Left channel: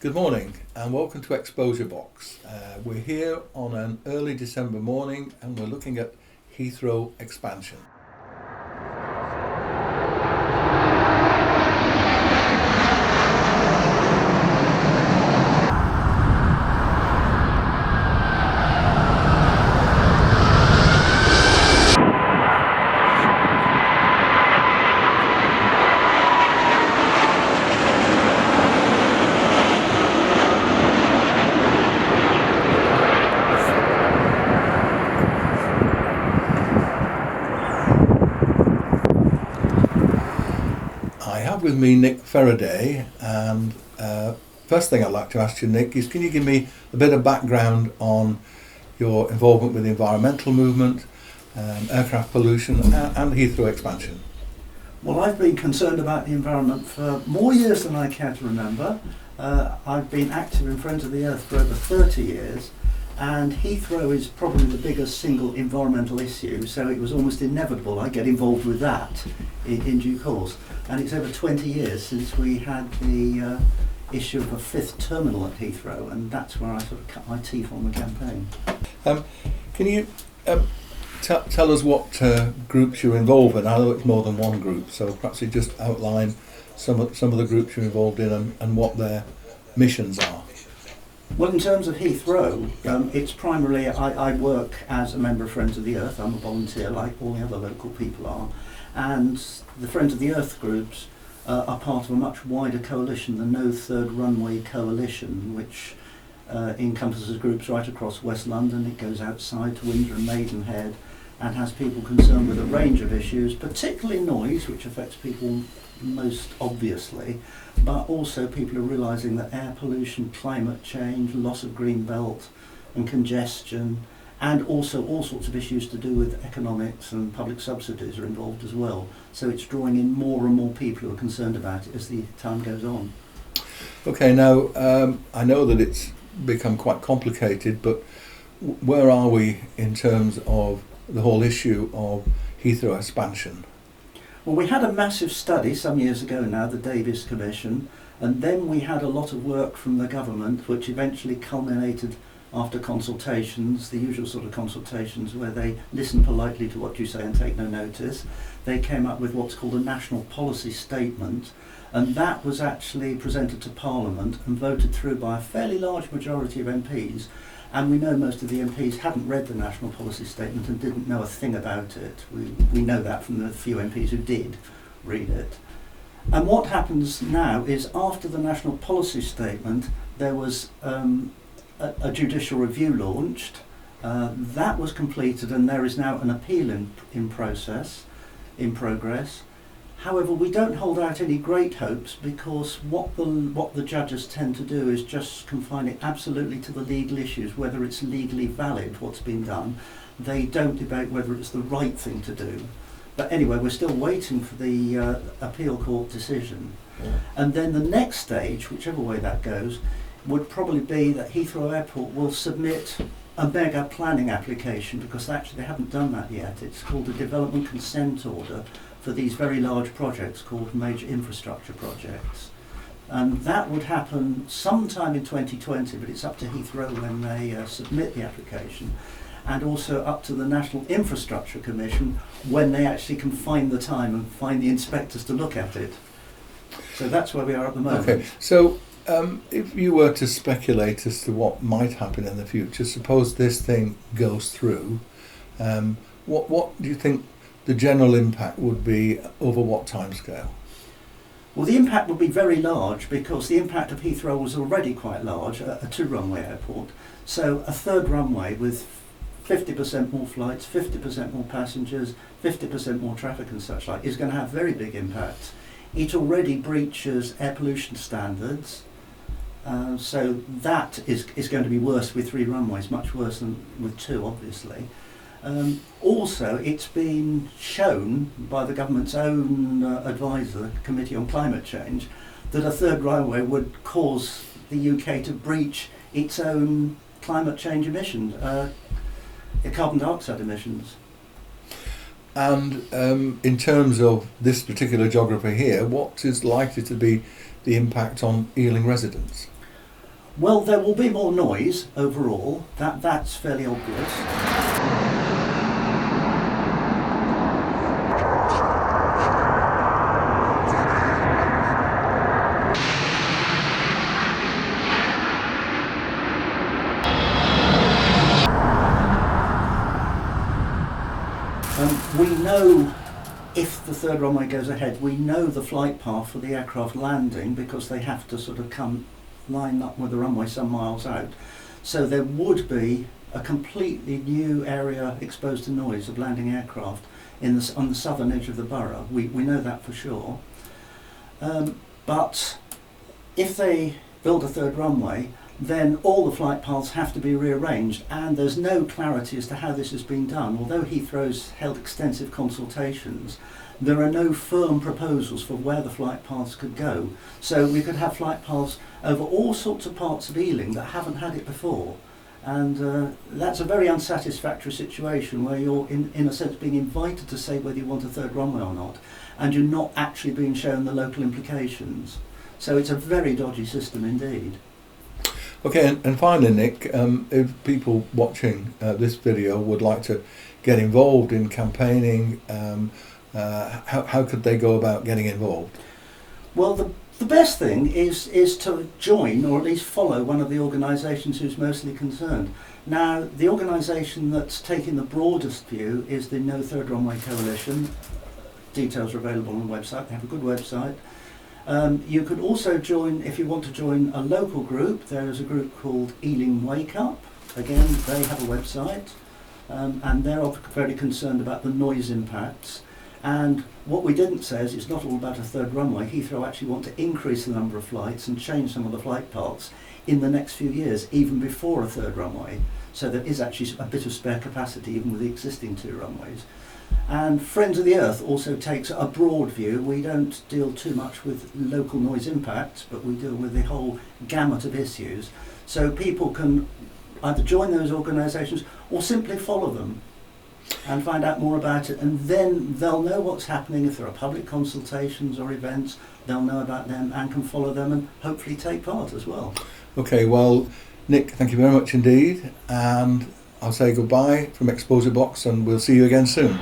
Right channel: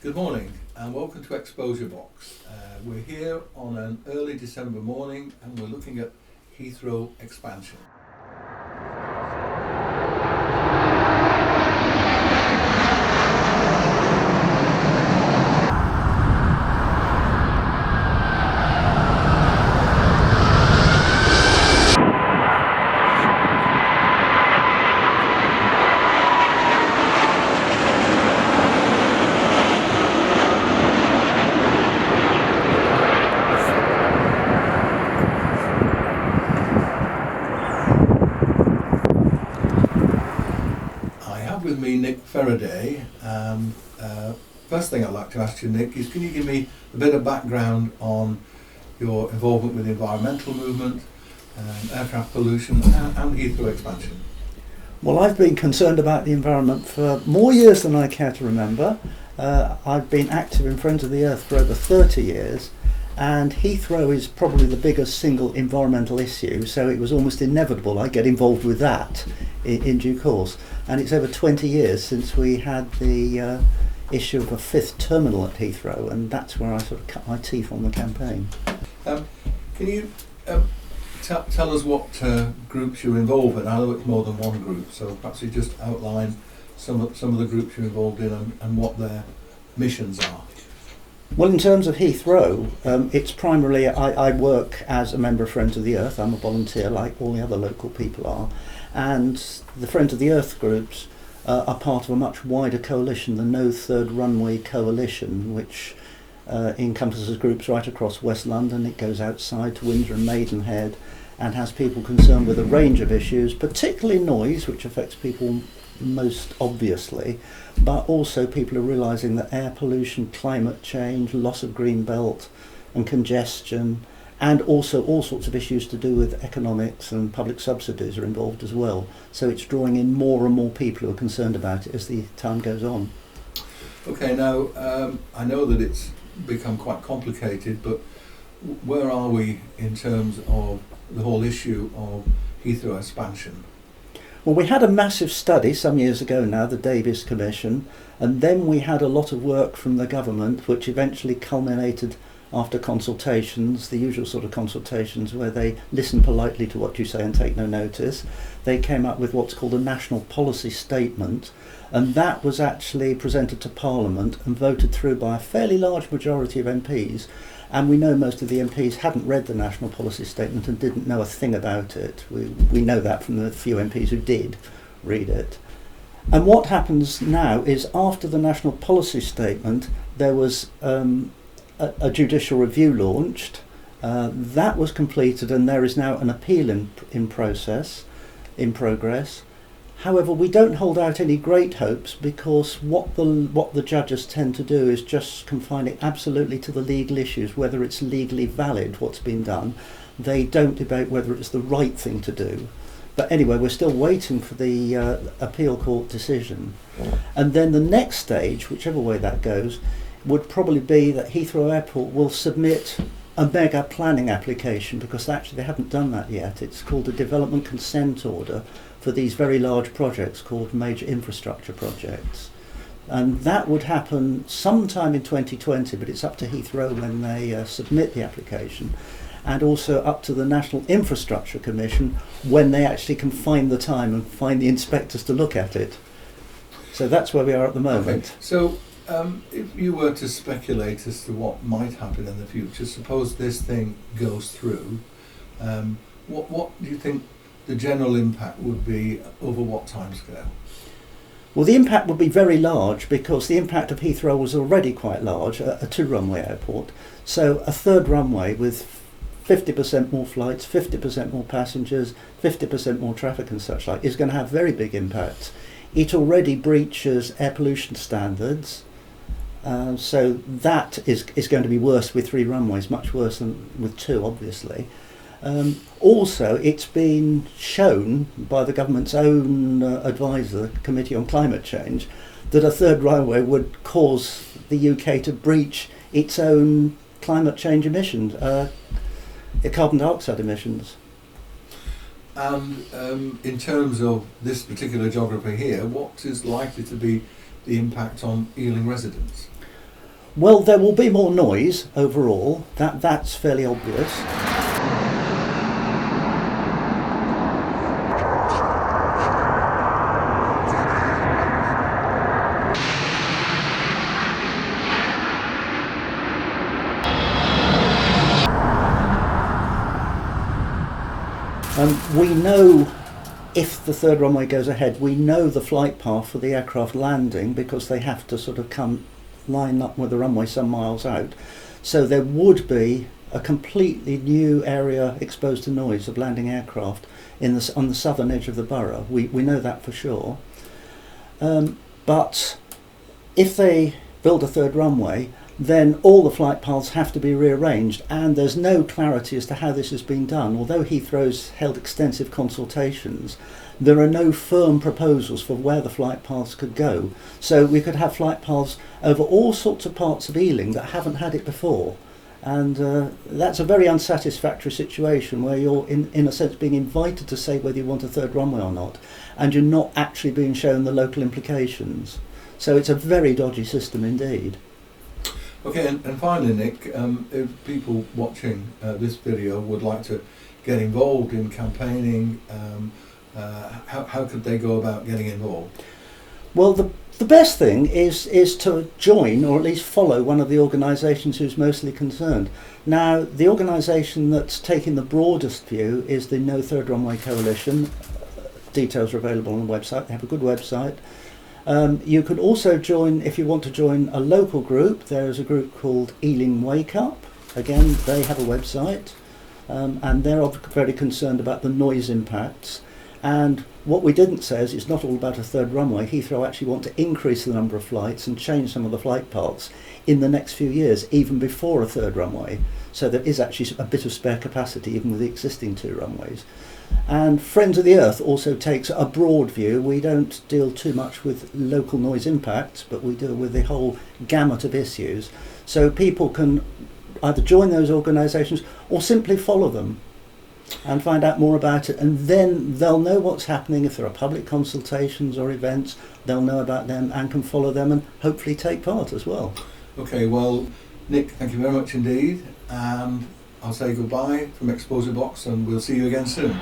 Good morning and welcome to Exposure Box. We're here on an early December morning and we're looking at Heathrow expansion. I have with me Nick Faraday, and first thing I'd like to ask you, Nick, is can you give me a bit of background on your involvement with the environmental movement, aircraft pollution and Heathrow expansion? Well, I've been concerned about the environment for more years than I care to remember. I've been active in Friends of the Earth for over 30 years, and Heathrow is probably the biggest single environmental issue, so it was almost inevitable I get involved with that in due course. And it's over 20 years since we had the issue of a fifth terminal at Heathrow, and that's where I sort of cut my teeth on the campaign. Can you tell us what groups you're involved in? I know it's more than one group, so perhaps you just outline some of the groups you're involved in and what their missions are. Well, in terms of Heathrow, it's primarily, I work as a member of Friends of the Earth. I'm a volunteer like all the other local people are. And the Friends of the Earth groups are part of a much wider coalition, the No Third Runway Coalition, which encompasses groups right across West London. It goes outside to Windsor and Maidenhead and has people concerned with a range of issues, particularly noise, which affects people most obviously, but also people are realising that air pollution, climate change, loss of green belt and congestion, and also all sorts of issues to do with economics and public subsidies are involved as well. So it's drawing in more and more people who are concerned about it as the time goes on. Okay, now I know that it's become quite complicated, but where are we in terms of the whole issue of Heathrow expansion? Well, we had a massive study some years ago now, the Davies Commission, and then we had a lot of work from the government which eventually culminated after consultations, the usual sort of consultations where they listen politely to what you say and take no notice. They came up with what's called a national policy statement, and that was actually presented to Parliament and voted through by a fairly large majority of MPs. And we know most of the MPs hadn't read the national policy statement and didn't know a thing about it. We know that from the few MPs who did read it. And what happens now is after the national policy statement, there was a judicial review launched. That was completed and there is now an appeal in progress. However, we don't hold out any great hopes because what the judges tend to do is just confine it absolutely to the legal issues, whether it's legally valid what's been done. They don't debate whether it's the right thing to do. But anyway, we're still waiting for the appeal court decision. And then the next stage, whichever way that goes, would probably be that Heathrow Airport will submit a mega planning application, because actually they haven't done that yet. It's called a development consent order for these very large projects called major infrastructure projects. And that would happen sometime in 2020, but it's up to Heathrow when they submit the application, and also up to the National Infrastructure Commission when they actually can find the time and find the inspectors to look at it. So that's where we are at the moment. Okay, so if you were to speculate as to what might happen in the future, suppose this thing goes through, what do you think the general impact would be over what timescale? Well, the impact would be very large because the impact of Heathrow was already quite large, a two-runway airport. So a third runway with 50% more flights, 50% more passengers, 50% more traffic and such like is going to have very big impacts. It already breaches air pollution standards, so that is going to be worse with three runways, much worse than with two, obviously. Also, it's been shown by the government's own advisor, the Committee on Climate Change, that a third runway would cause the UK to breach its own climate change emissions, carbon dioxide emissions. And in terms of this particular geography here, what is likely to be the impact on Ealing residents? Well, there will be more noise overall. That's fairly obvious. We know if the third runway goes ahead, we know the flight path for the aircraft landing because they have to sort of come line up with the runway some miles out. So there would be a completely new area exposed to noise of landing aircraft on the southern edge of the borough. We know that for sure. But if they build a third runway, then all the flight paths have to be rearranged, and there's no clarity as to how this has been done. Although Heathrow's held extensive consultations, there are no firm proposals for where the flight paths could go. So we could have flight paths over all sorts of parts of Ealing that haven't had it before. And that's a very unsatisfactory situation where you're, in a sense, being invited to say whether you want a third runway or not, and you're not actually being shown the local implications. So it's a very dodgy system indeed. Okay, and finally, Nick, if people watching this video would like to get involved in campaigning, how could they go about getting involved? Well, the best thing is to join, or at least follow, one of the organisations who's mostly concerned. Now, the organisation that's taking the broadest view is the No Third Runway Coalition. Details are available on the website. They have a good website. You could also join, if you want to join a local group, there is a group called Ealing Wake Up. Again, they have a website, and they're very concerned about the noise impacts. And what we didn't say is it's not all about a third runway. Heathrow actually want to increase the number of flights and change some of the flight paths in the next few years, even before a third runway. So there is actually a bit of spare capacity even with the existing two runways. And Friends of the Earth also takes a broad view. We don't deal too much with local noise impacts, but we deal with the whole gamut of issues. So people can either join those organisations or simply follow them and find out more about it, and then they'll know what's happening. If there are public consultations or events, they'll know about them and can follow them and hopefully take part as well. Okay, well, Nick, thank you very much indeed, and I'll say goodbye from Exposure Box, and we'll see you again soon.